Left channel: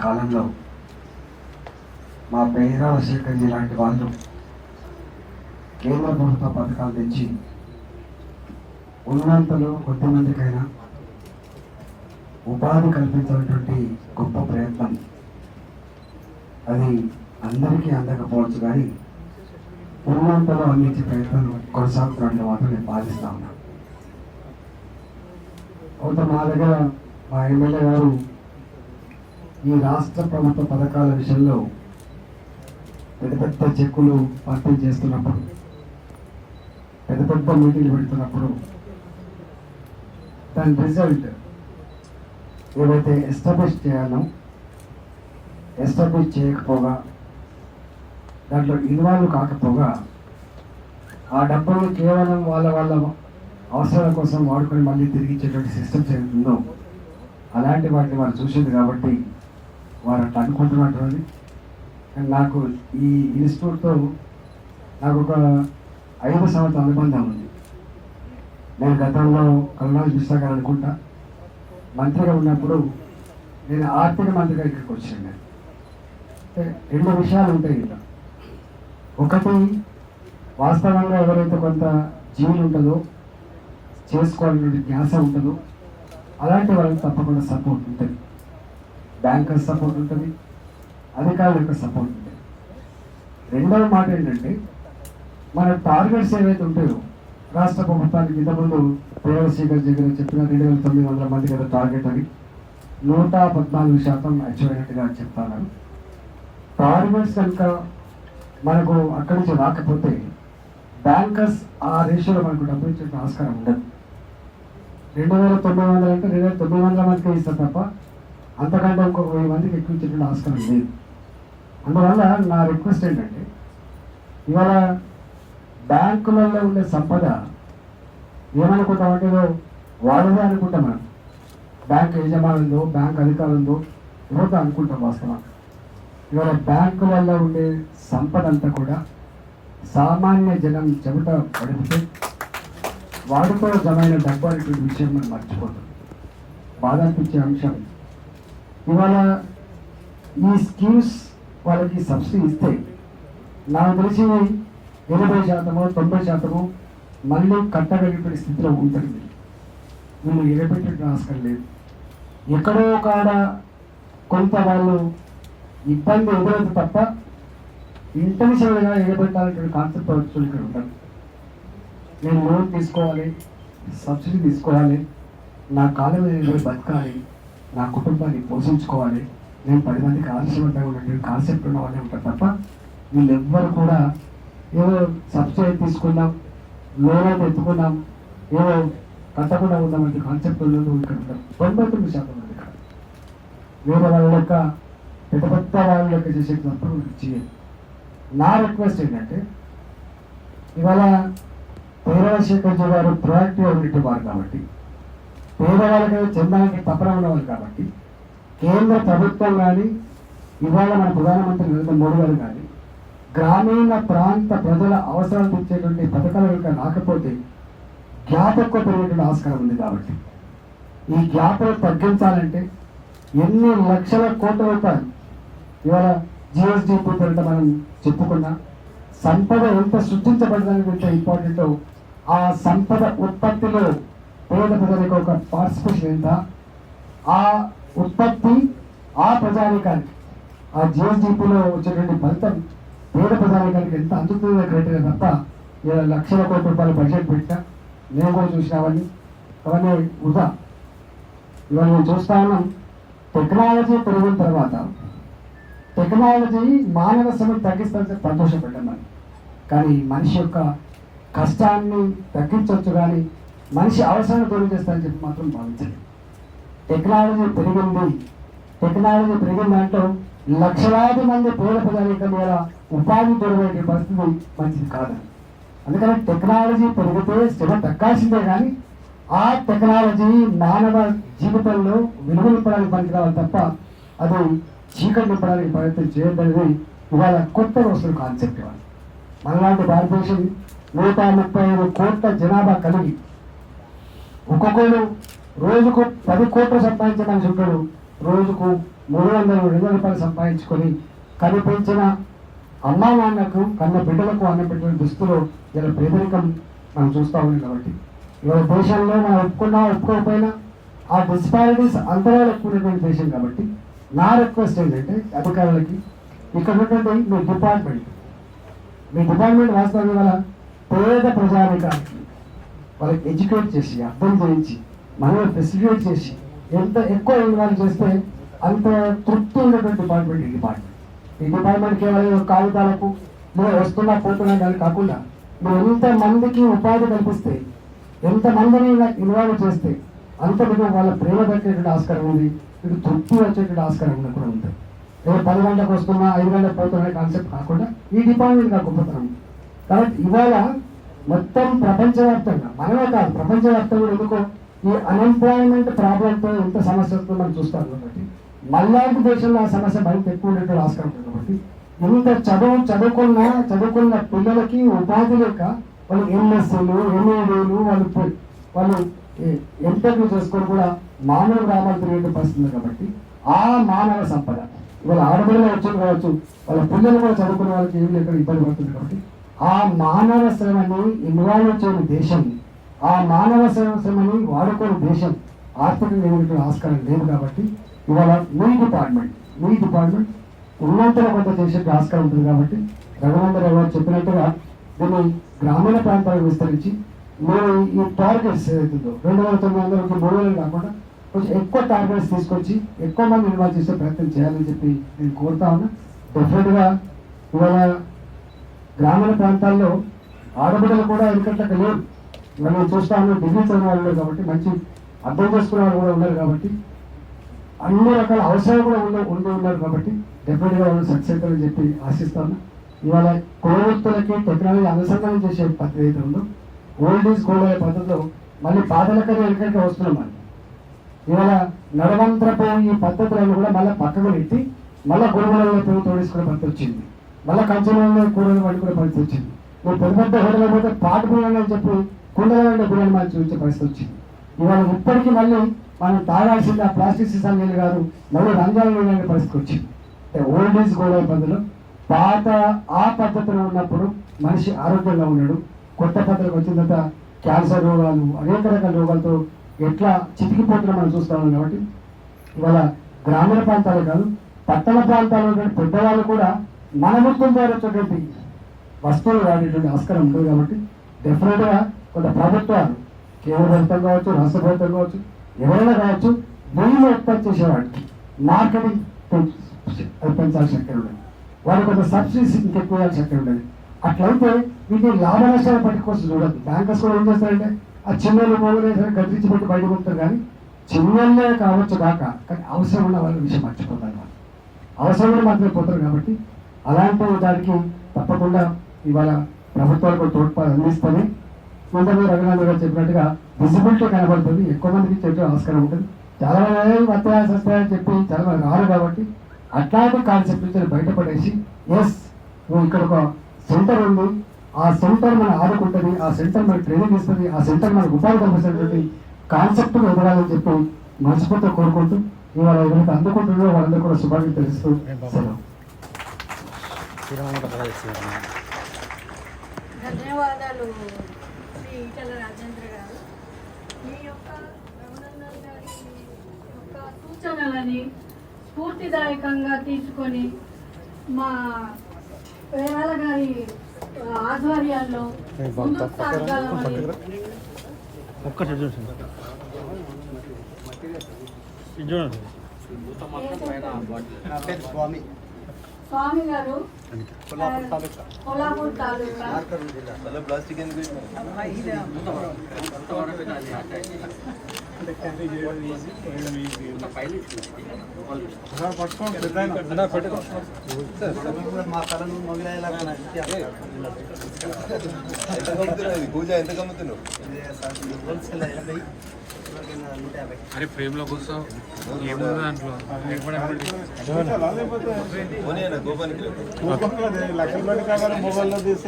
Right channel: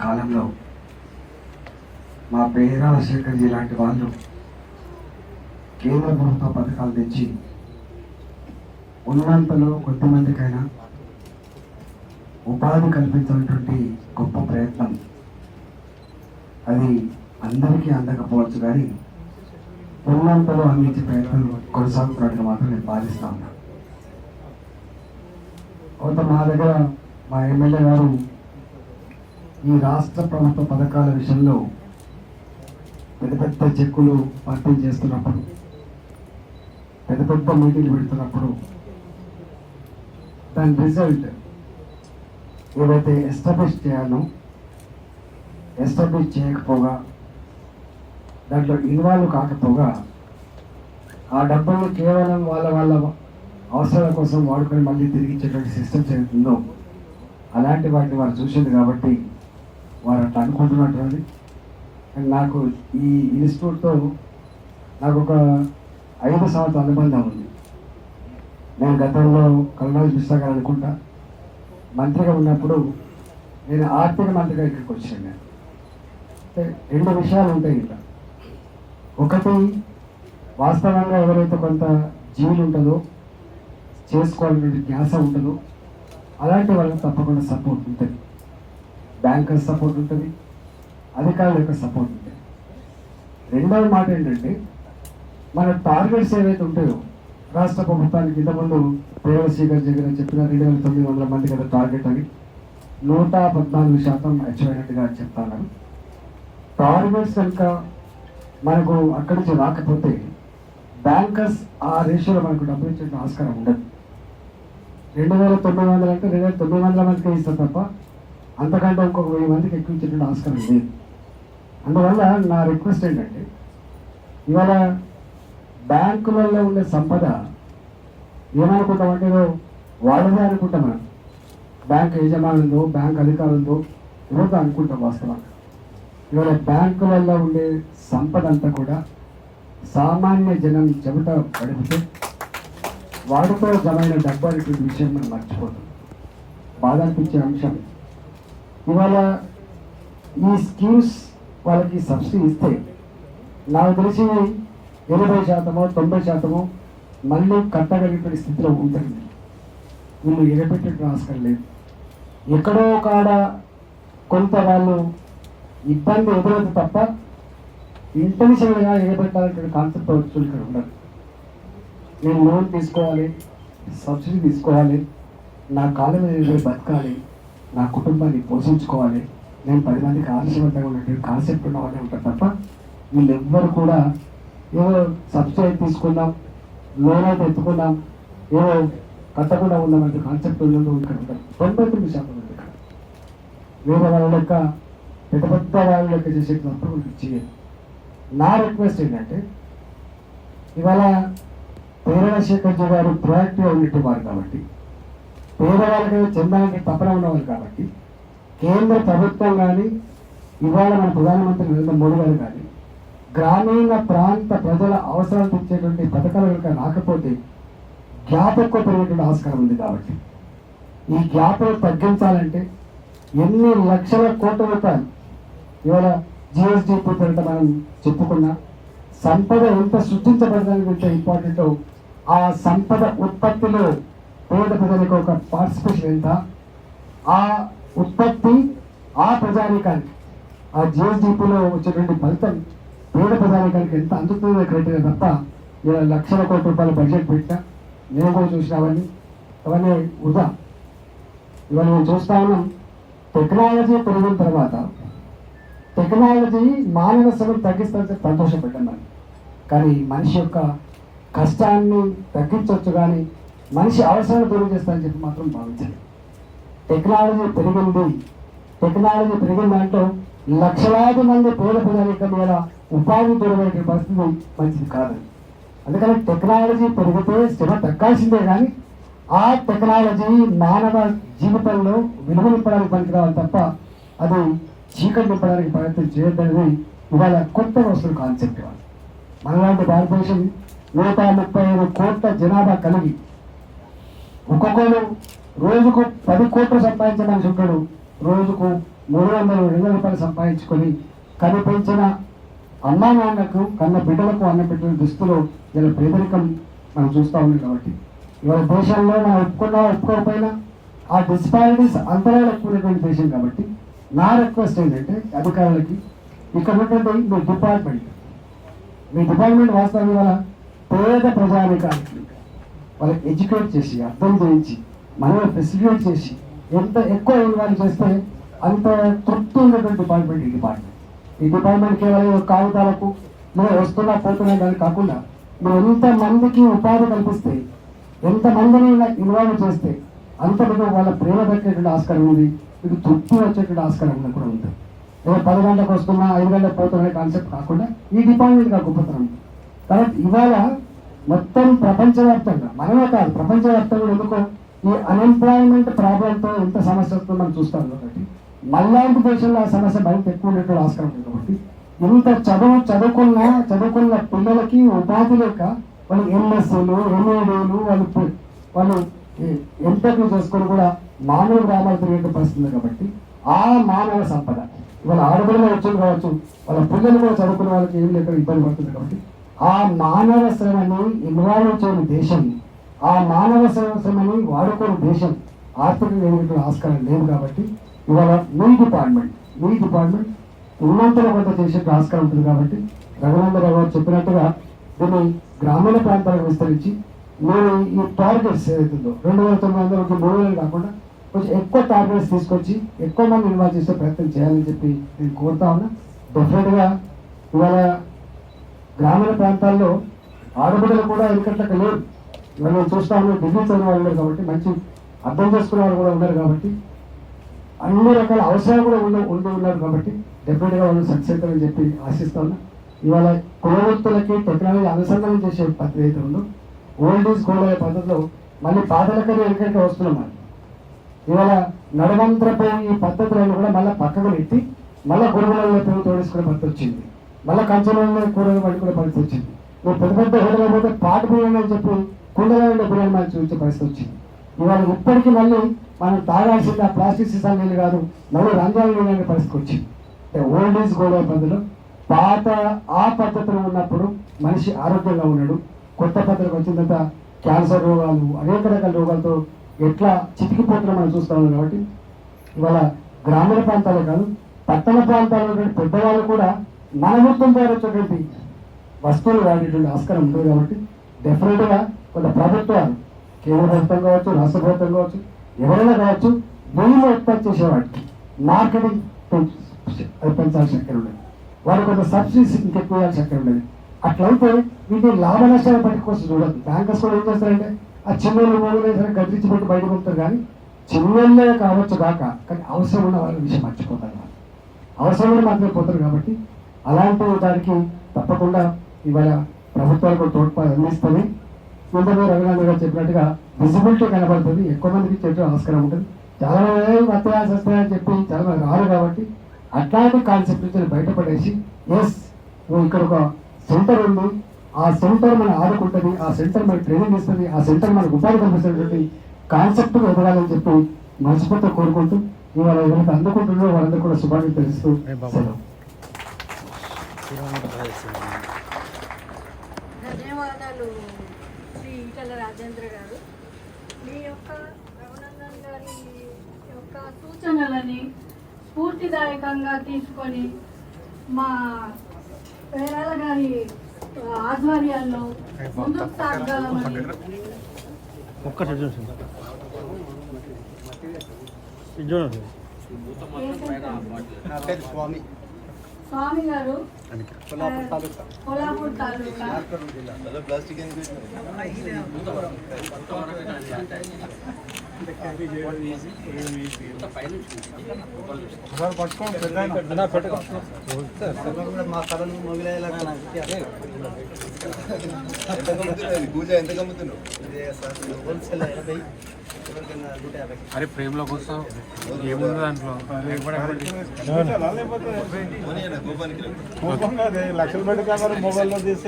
కాలంలో మా పేద రాజశేఖర్ లాంటి వాళ్ళు కేంద్ర ప్రభుత్వ పథకాలు తెచ్చి ఉన్నంతలో కొద్దిమందికైనా ఉపాధి కల్పించినటువంటి గొప్ప ప్రయత్నం. అది అందరికీ అందకపోవచ్చు కానీ ఉన్నంతలో అందించే ప్రయత్నం కొనసాగుతున్నట్లు మాత్రం నేను భావిస్తా ఉన్నాను కొంత మా దగ్గర మా ఎమ్మెల్యే గారు ఈ రాష్ట్ర ప్రభుత్వ పథకాల విషయంలో పెద్ద పెద్ద చెక్కులు పంపిణీ చేస్తున్నప్పుడు పెద్ద పెద్ద మీటింగ్లు పెడుతున్నప్పుడు దాని రిజల్ట్ ఏవైతే ఎస్టాబ్లిష్ చేయాలో ఎస్టాబ్లిష్ చేయకపోగా దాంట్లో ఇన్వాల్వ్ కాకపోగా ఆ డబ్బులు కేవలం వాళ్ళ వాళ్ళ అవసరాల కోసం వాడుకొని మళ్ళీ తిరిగి ఇచ్చేటువంటి సిస్టమ్స్ ఏదైతుందో అలాంటి వాటిని వారు చూసింది కాబట్టి వారు అట్లా అనుకుంటున్నటువంటి నాకు ఈ ఇన్స్టిట్యూట్తో నాకు ఒక ఐదు సంవత్సరాల అనుబంధం ఉంది. నేను గతంలో కళ్ళలో మిశ్రా అనుకుంటా. మంత్రిగా ఉన్నప్పుడు నేను ఆర్థిక మంత్రిగా ఇక్కడికి వచ్చాను నేను. అంటే రెండు విషయాలు ఉంటాయి ఇక్కడ ఒకటి వాస్తవంగా ఎవరైతే కొంత జీవి ఉంటుందో చేసుకోవాలనే ధ్యాస ఉంటుందో అలాంటి వాళ్ళకి తప్పకుండా సపోర్ట్ ఉంటుంది. బ్యాంకర్ సపోర్ట్ ఉంటుంది అధికారుల యొక్క సపోర్ట్ ఉంటుంది. రెండవ మాట ఏంటంటే మన టార్గెట్స్ ఏవైతే ఉంటాయో రాష్ట్ర ప్రభుత్వానికి ఇంతకుముందు ప్రేమశేఖర్ జగన్ చెప్పిన రెండు వేల తొమ్మిది వందల మంది కదా టార్గెట్ అని నూట పద్నాలుగు శాతం అచీవ్ అయినట్టుగా చెప్తాను. టార్గెట్స్ కనుక మనకు అక్కడి నుంచి రాకపోతే బ్యాంకర్స్ ఆ రేషియోలో మనకు డబ్బు ఇచ్చే ఆస్కారం ఉండదు. రెండు వేల తొమ్మిది వందలు అంటే రెండు వేల తొమ్మిది వందల మందికి ఇస్తారు తప్ప అంతకంటే ఇంకొక వెయ్యి మందికి ఎక్కువ ఇచ్చేటువంటి ఆస్కారం లేదు. అందువల్ల నా రిక్వెస్ట్ ఏంటంటే ఇవాళ బ్యాంకులలో ఉండే సంపద ఏమనుకుంటామంటే ఏదో వాళ్ళదే అనుకుంటాం మనం. బ్యాంక్ యజమానులతో బ్యాంక్ అధికారులతో ఎవరితో అనుకుంటాం వాస్తవం ఇవాళ బ్యాంకులలో ఉండే సంపద అంతా కూడా సామాన్య జనం చెమట పడితే వాడితో జమైన డబ్బు అనేటువంటి విషయం మనం మర్చిపోతాం. బాధ అనిపించే అంశం ఇవాళ ఈ స్కీమ్స్ వాళ్ళకి సబ్సిడీ ఇస్తే నాకు తెలిసి ఎనభై శాతము తొంభై శాతము మళ్ళీ కట్టగలిగిన స్థితిలో ఉంటుంది వీళ్ళు ఎగపెట్టే ఆస్కారం లేదు ఎక్కడో కాడ కొంత వాళ్ళు ఇబ్బంది ఎదురదు తప్ప ఇంటెన్షన్గా ఎగబెట్టాలనే కాన్సెప్ట్ వచ్చి ఇక్కడ ఉండాలి నేను లోన్ తీసుకోవాలి సబ్సిడీ తీసుకోవాలి నా కాలం బతకాలి నా కుటుంబాన్ని పోషించుకోవాలి. నేను పది మందికి ఆలస్యవంతంగా ఉన్నటువంటి కాన్సెప్ట్ ఉన్న ఉంటారు తప్ప వీళ్ళెవ్వరు కూడా ఏదో సబ్సిడీ తీసుకున్నాం లోన్ అయితే ఎత్తుకున్నాం ఏదో కట్టకుండా ఉన్నామంటే కాన్సెప్ట్ ఉన్నది ఇక్కడ ఉంటారు. తొంభై తొమ్మిది శాతం మంది ఇక్కడ వేరే వాళ్ళ యొక్క పెద్ద పెద్ద వాళ్ళ యొక్క చేసే తప్ప చేయదు నా రిక్వెస్ట్ ఏంటంటే ఇవాళ పేదశేఖర్ జీ గారు ప్రొయాక్టివ్ అనేటువంటి వారు కాబట్టి పేదవాళ్ళకి చెందడానికి తప్పన ఉండవాలి కాబట్టి కేంద్ర ప్రభుత్వం కానీ ఇవాళ మన ప్రధానమంత్రి నరేంద్ర మోడీ గారు కానీ గ్రామీణ ప్రాంత ప్రజల అవసరాలు తీర్చేటువంటి పథకాలు కనుక రాకపోతే గ్యాప్ ఎక్కువ పెరిగేటువంటి ఆస్కారం ఉంది కాబట్టి. ఈ గ్యాప్ను తగ్గించాలంటే ఎన్ని లక్షల కోట్ల రూపాయలు ఇవాళ జిఎస్డిపి పేరిట మనం చెప్పుకున్నా సంపద ఎంత సృష్టించబడడానికి ఇంపార్టెంట్ ఆ సంపద ఉత్పత్తిలో పేద ప్రజలకు ఒక పార్టిసిపేషన్ ఎంత? ఆ ఉత్పత్తి ఆ ప్రజానికానికి ఆ జిఎస్డిపిలో వచ్చేటువంటి ఫలితం పేద ప్రజానికానికి ఎంత అందుతుందో క్రైటీరియా తప్ప ఇలా లక్షల కోట్ల రూపాయల బడ్జెట్ పెట్టా నేను కూడా చూసిన అవన్నీ. వృధా. ఇవాళ నేను చూస్తా ఉన్నాం టెక్నాలజీ పెరిగిన తర్వాత టెక్నాలజీ మానవ శ్రమ తగ్గిస్తే సంతోషపడ్డాను కానీ మనిషి యొక్క కష్టాన్ని తగ్గించవచ్చు కానీ మనిషి అవసరాలు దూరం చేస్తారని చెప్పి మాత్రం భావించాలి. టెక్నాలజీ పెరిగింది. టెక్నాలజీ పెరిగిన దాంట్లో లక్షలాది మంది పేద ప్రజానికం మీద ఉపాధి దూరమైన పరిస్థితి మంచిది కాదు. అందుకని టెక్నాలజీ పెరిగితే శ్రమ తక్కాల్సిందే కానీ ఆ టెక్నాలజీ మానవ జీవితంలో విలువ పనికిరావాలి తప్ప అది చీకటి నింపడానికి ప్రయత్నం చేయదనేది ఇవాళ కొత్త వస్తువు కాన్సెప్ట్ ఇవాళ. మనలాంటి భారతదేశం నూట ముప్పై ఐదు కోట్ల జనాభా కలిగి ఒక్కొక్కరు రోజుకు పది కోట్లు సంపాదించిన ఉంటాడు రోజుకు మూడు వందలు రెండు రూపాయలు సంపాదించుకొని కనిపించిన అమ్మా నాన్నకు కన్న బిడ్డలకు అన్న బిడ్డల దుస్తులు ఇలా పేదరికం మనం చూస్తూ ఉన్నాం కాబట్టి. ఇవాళ దేశంలో మనం ఒప్పుకున్నా ఒప్పుకోకపోయినా ఆ డిస్పారిటీస్ అంతరాలు ఎక్కువైనటువంటి దేశం కాబట్టి నా రిక్వెస్ట్ ఏంటంటే అధికారులకి ఇక్కడ ఉన్నటువంటి మీ డిపార్ట్మెంట్ మీ డిపార్ట్మెంట్ వాస్తవం వల్ల పేద ప్రజానికానికి వాళ్ళకి ఎడ్యుకేట్ చేసి అర్థం చేయించి మనం ఫెసిలిటేట్ చేసి ఎంత ఎక్కువ ఇన్వాల్వ్ చేస్తే అంత తృప్తి ఉన్నటువంటి డిపార్ట్మెంట్ ఈ డిపార్ట్మెంట్ ఈ డిపార్ట్మెంట్ కేవలం కాగితాలకు మనం వస్తున్నా పోతున్నా కానీ కాకుండా మనం ఎంత మందికి ఉపాధి కల్పిస్తే ఎంత మందిని ఇన్వాల్వ్ చేస్తే అంతటితో వాళ్ళ ప్రేమ దక్కేటువంటి ఆస్కారం ఉంది ఇటు తృప్తి వచ్చేటువంటి ఆస్కారం ఉంది కూడా ఉంది. ఏదో పది గంటలకు వస్తున్నా ఐదు గంటలకు పోతున్నా కాన్సెప్ట్ కాకుండా ఈ డిపార్ట్మెంట్ కాకుండా గొప్పతనం కాబట్టి ఇవాళ మొత్తం ప్రపంచవ్యాప్తంగా మనమే కాదు ప్రపంచవ్యాప్తంగా ఎందుకో? ఈ అన్ఎంప్లాయ్మెంట్ ప్రాబ్లంతో ఎంత సమస్య వస్తుందో మనం చూస్తాం కాబట్టి. మళ్ళాంటి దేశంలో ఆ సమస్య బయట ఎక్కువ ఉన్నట్టు ఆస్కారం ఉంది కాబట్టి. ఇంత చదువు చదువుకున్న చదువుకున్న పిల్లలకి ఉపాధి లేక వాళ్ళు ఎంఎస్ఏలు ఎంఏడీలు వాళ్ళు వాళ్ళు ఎంటర్వ్యూ చేసుకొని కూడా మానవ గ్రామాలు తిరిగే పరిస్థితుంది కాబట్టి ఆ మానవ సంపద. ఇవాళ ఆడపిల్లలు వచ్చి కావచ్చు వాళ్ళ పిల్లలు కూడా చదువుకున్న వాళ్ళకి ఏమి లేక ఇబ్బంది పడుతుంది కాబట్టి ఆ మానవ శ్రమని ఇన్వాల్వ్ చేయని దేశం. ఆ మానవ శ్రమని వాడుకోని దేశం. ఆర్థికంగా ఏమిటి ఆస్కారం లేదు కాబట్టి ఇవాళ మీ డిపార్ట్మెంట్ మీ డిపార్ట్మెంట్ ఉన్నంతల కొంత చేసే ఆస్కారం ఉంటుంది కాబట్టి రఘునందరావు గారు చెప్పినట్టుగా దీన్ని గ్రామీణ ప్రాంతాలకు విస్తరించి మీరు ఈ టార్గెట్స్ ఏదైతుందో రెండు వేల తొమ్మిది వందల నుంచి మూడు వేలు కాకుండా కొంచెం ఎక్కువ టార్గెట్స్ తీసుకొచ్చి ఎక్కువ మంది ఇన్వాల్వ్ చేసే ప్రయత్నం చేయాలని చెప్పి నేను కోరుతా ఉన్నా. డెఫినెట్గా ఇవాళ గ్రామీణ ప్రాంతాల్లో ఆడబిడ్డలు కూడా ఎందుకంటే లేరు మనం చూస్తాము డిగ్రీ చదివిన వాళ్ళు ఉన్నారు కాబట్టి మంచి అర్థం చేసుకునే వాళ్ళు కూడా ఉన్నారు కాబట్టి అన్ని రకాల అవసరాలు కూడా ఉండి ఉండి ఉన్నారు కాబట్టి డెఫినెట్గా వాళ్ళు సక్సెస్ అవుతారని చెప్పి ఆశిస్తాను ఇవాళ కులవృత్తులకి టెక్నాలజీ అనుసంధానం చేసే పద్ధతి అయితే ఉందో ఓల్డ్ ఈజ్ గోల్డ్ అనే పద్ధతిలో మళ్ళీ పాదలకనే ఎక్కడికి వస్తున్నాం మనం. ఇవాళ నడవంతరపోయి ఈ పద్ధతులను కూడా మళ్ళీ పక్కకు పెట్టి మళ్ళీ గురువులలో తోడేసుకునే పద్ధతి వచ్చింది. మళ్ళీ కంచెలలో కూరలు పట్టుకునే పరిస్థితి వచ్చింది. నువ్వు పెద్ద పెద్ద హోటల్ పోతే పాట బిర్యానీ అని చెప్పి కుండలాంటి బిర్యానీ మళ్ళీ చూపించే పరిస్థితి వచ్చింది. ఇవాళ ఇప్పటికీ మళ్ళీ మనం తాగాల్సింది ఆ ప్లాస్టిక్ సీసాలు నీళ్ళు కాదు మళ్ళీ రంజాన్ నీళ్ళు పరిస్థితి వచ్చింది. ఓల్డ్ ఏజ్ గోల్డ్ పద్ధతిలో పాత ఆ పద్ధతిలో ఉన్నప్పుడు మనిషి ఆరోగ్యంగా ఉన్నాడు. కొత్త పద్ధతికి వచ్చిన తర్వాత క్యాన్సర్ రోగాలు అనేక రకాల రోగాలతో ఎట్లా చితికిపోతున్నా మనం చూస్తున్నాం కాబట్టి ఇవాళ గ్రామీణ ప్రాంతాలు కాదు పట్టణ ప్రాంతాల్లో పెద్దవాళ్ళు కూడా మన మొత్తం ద్వారా వచ్చేటువంటి వస్తువులు వాడేటువంటి ఆస్కారం ఉండదు కాబట్టి డెఫినెట్గా కొంత ప్రభుత్వాలు కేంద్ర ప్రభుత్వం కావచ్చు రాష్ట్ర ప్రభుత్వం కావచ్చు ఎవరైనా కావచ్చు వీళ్ళు ఉత్పత్తి చేసేవాడికి. మార్కెటింగ్ పెంచాల్సిన అక్కడ ఉండదు. వాళ్ళు కొంత సబ్సిడీస్ ఇంకెక్కువ అక్కడ ఉండదు. అట్లయితే వీటిని లాభ నష్టాల పట్టి కోసం చూడదు బ్యాంకర్స్ కూడా ఏం చేస్తారంటే ఆ చిన్నలు మూడు వేసారు పెట్టి బయటకు వస్తారు కానీ చిన్నోళ్ళే కావచ్చు కాక కానీ అవసరం ఉన్న వాళ్ళ విషయం మర్చిపోతారు. వాళ్ళు అవసరమైన మాత్రమే పోతారు కాబట్టి అలాంటి దానికి తప్పకుండా ఇవాళ ప్రభుత్వాలకు తోడ్పాటు అందిస్తుంది. ఇంతకు రఘునాథ్ గారు చెప్పినట్టుగా విజిబిలిటీ కనబడుతుంది. ఎక్కువ మందికి చెట్టు ఆస్కారం ఉంటుంది. చాలా మంది వస్తాయని చెప్పి చాలా రారు కాబట్టి అట్లాంటి కాన్సెప్ట్ నుంచి బయటపడేసి ఎస్ ఇక్కడ ఒక సెంటర్ ఉంది. ఆ సెంటర్ మన ఆదుకుంటుంది. ఆ సెంటర్ మనకు ట్రైనింగ్ ఇస్తుంది. ఆ సెంటర్ మనకు ఉపాధి కల్పిస్తున్నటువంటి కాన్సెప్ట్ ఎదగాలని చెప్పి మనస్ఫూర్తిగా కోరుకుంటూ ఇవాళ ఎవరికి అందుకుంటున్నారో వాళ్ళందరూ కూడా శుభాన్ని తెలుస్తూ ధన్యవాదాలు శ్రీ ఈటల రాజేంద్ర గారు. మీ యొక్క రఘునందన్ గారి యొక్క సూచనలని స్ఫూర్తిదాయకంగా తీసుకొని మా పేరాల గారి ఆధ్వర్యాల్లో ముందుకు సాగాలని ఒక్కటి చూడండి చూడండి స్వామి. స్వామి గారు కొల్లాపూర్ తాలూకా. ప్లాస్టిక్ మా కళను మొగిలేలా పూజ ఎంత గమ్ముతున్నావు? హోల్సేల్ ఎనభై అరే ఫ్రేమ్లో కూర్చో. ఏముంది? దాంట్లో? గోపాల్ లక్షలు